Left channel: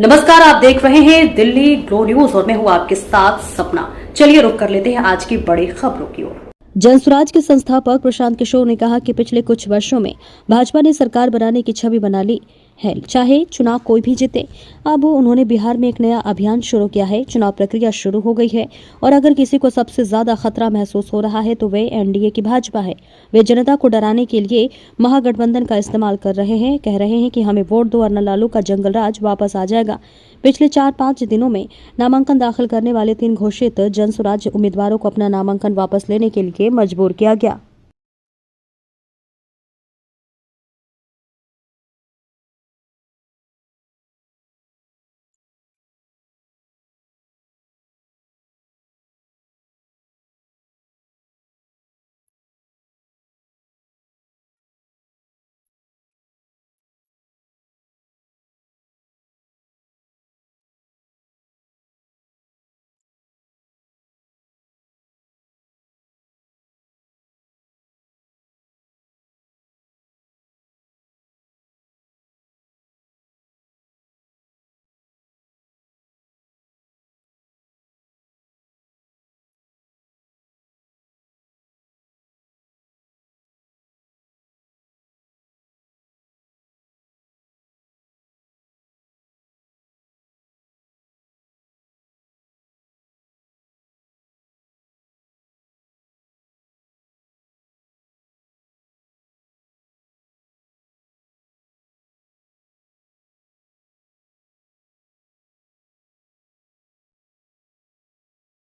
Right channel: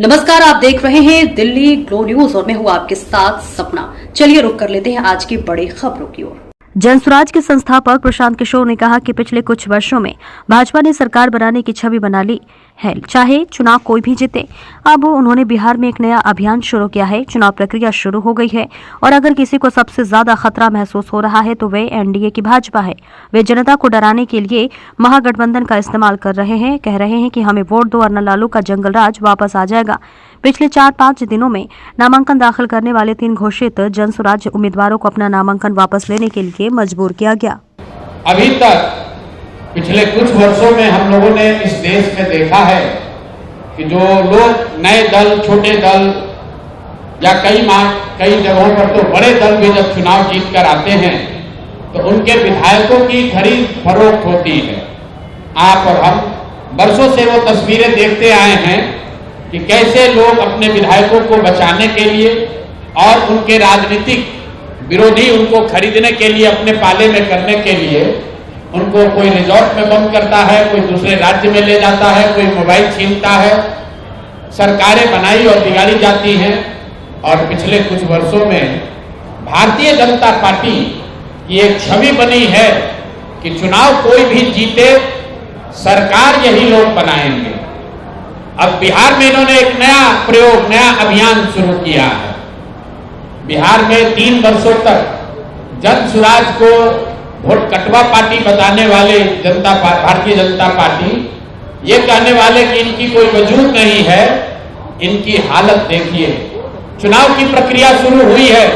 नमस्कार, आप देख रहे हैं दिल्ली ग्लो न्यूज और मैं हूं आपके साथ सपना। चलिए रुक कर लेते हैं आज की बड़ी खबरों की ओर। जनसुराज के संस्थापक प्रशांत किशोर ने कहा कि पिछले कुछ वर्षों में भाजपा ने सरकार बनाने की छवि बना ली है, चाहे चुनाव कोई भी जीते। अब उन्होंने बिहार में एक नया अभियान शुरू किया है। चुनाव प्रक्रिया शुरू हो गई है और अगर किसी को सबसे ज्यादा खतरा महसूस हो रहा है तो वे एनडीए की भाजपा है। वे जनता को डराने के लिए महागठबंधन का इस्तेमाल कर रहे हैं। कह रहे हैं कि हमें वोट दो वरना लालू का जंगल राज वापस आ जाएगा। पिछले 4-5 दिनों में नामांकन दाखिल करने वाले 3 घोषित जनसुराज उम्मीदवारों को अपना नामांकन वापस लेने के लिए मजबूर किया गया। अभी तक पिछले कुछ वर्षों में हम लोगों ने इस देश में देखा है कि जो लोग नए दल, छोटे दल या कई जगहों पर तो बड़े दल भी जब चुनाव जीत कर आते हैं तो उनके विधायकों की खरीद फरोख्त होती है। आप और हम वर्षों से वो तस्वीरें देखते आए हैं कि कैसे लोग अपने विधायकों को बचाने के लिए और उनके राजनीतिक विरोधी उनको खरीदने के लिए, अपने पाले में करने के लिए उनको कोई रिजॉर्ट में बंद करता है, कोई दूसरे राज्य में ले जाता है, कोई मोबाइल छीनता है। सरकारें बनाई और बिगाड़ी जाती हैं। और पिछले कुछ वर्षों में भारतीय जनता पार्टी की एक छवि बनी है कि चुनाव कोई भी जीते, सरकार यही लोग बनाएंगे। अब बिहार में इन्होंने एक नया प्रयोग, नया अभियान शुरू किया है। बिहार में 3 वर्षों तक जनसुराज को वोट कटवा पार्टी बताने वाले भारतीय जनता पार्टी ये कहने वाले कि इनकी कोई वजूद नहीं है। इनकी हालत देखिए। चुनाव की प्रक्रिया शुरू हुई है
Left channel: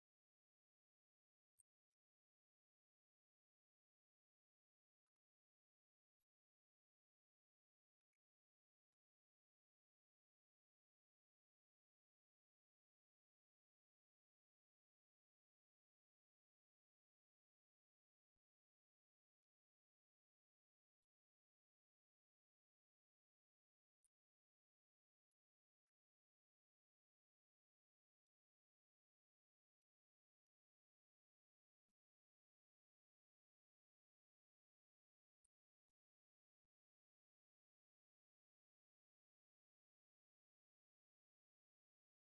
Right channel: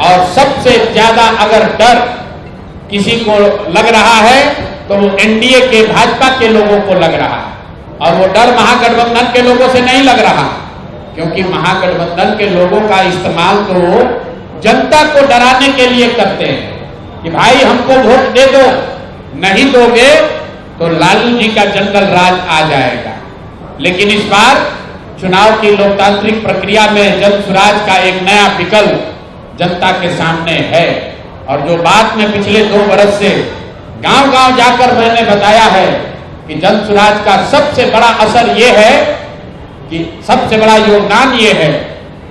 और सबसे ज्यादा अगर डर किसी को लग रहा है तो वो एनडीए के, भाजपा के लोगों को लग रहा है। और वो डर महागठबंधन के लोगों से नहीं लग रहा, क्योंकि महागठबंधन के लोगों का इस्तेमाल तो जनता को डराने के लिए करते हैं कि भाई हमको वोट दे दो, नहीं दोगे तो लालू जी का जंगल राज आ जाएगा। लेकिन इस बार चुनाव की लोकतांत्रिक प्रक्रिया में जनसुराज का एक नया विकल्प जनता के सामने है। और जो बात में पिछले 2 वर्ष से गांव-गांव जाकर मैंने बताया है कि जनसुराज का सबसे बड़ा असर ये है कि सबसे बड़ा योगदान ये है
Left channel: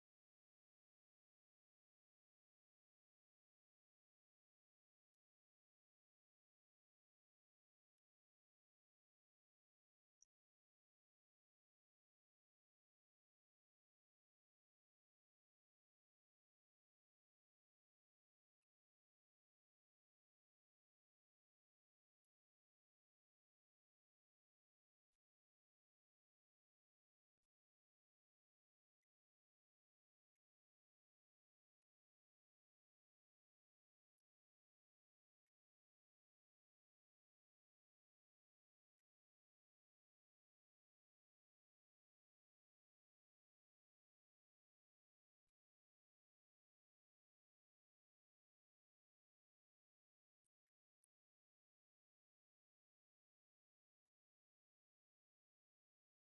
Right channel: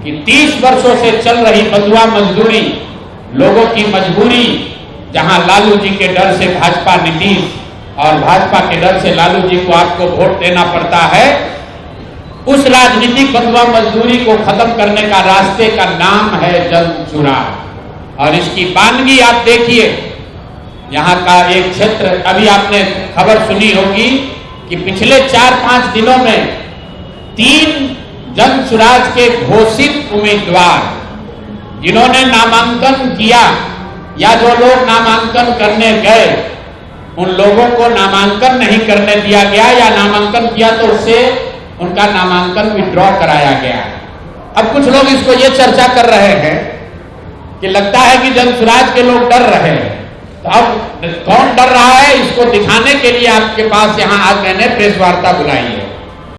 कि 30 वर्षों से चल रही बंधुआ मजदूरी, लोगों की मजबूरी, जहां लालू जी के डर से भाजपा नीतीश और भाजपा के डर से लालू जी को आपको वोट देना पड़ता है, उस राजनीतिक बंधुआ मजदूरी को खत्म करने का रास्ते का नाम है जनसुराज। और इसकी बानगी आप देखिए। यहाँ का एक क्षेत्र, अभी आपने खबर सुनी होगी कि पिछले 4-5 दिनों में 3 जनसुराज के घोषित उम्मीदवार जिन्होंने नामांकन किया या जो लोग नामांकन करने गए, उन लोगों को नामांकन नहीं करने दिया गया या नामांकन किया तो उससे उनका नामांकन विड्रॉ कराया गया। अब कुछ लोग इसको ये चर्चा कर रहे हैं कि लगता है कि जनसुराज के लोग डर रहे हैं। तो अब कौन डर रहा है, इसको दिखाने के लिए आपके पास यहाँ आज मैंने प्रेस वार्ता बुलाई है।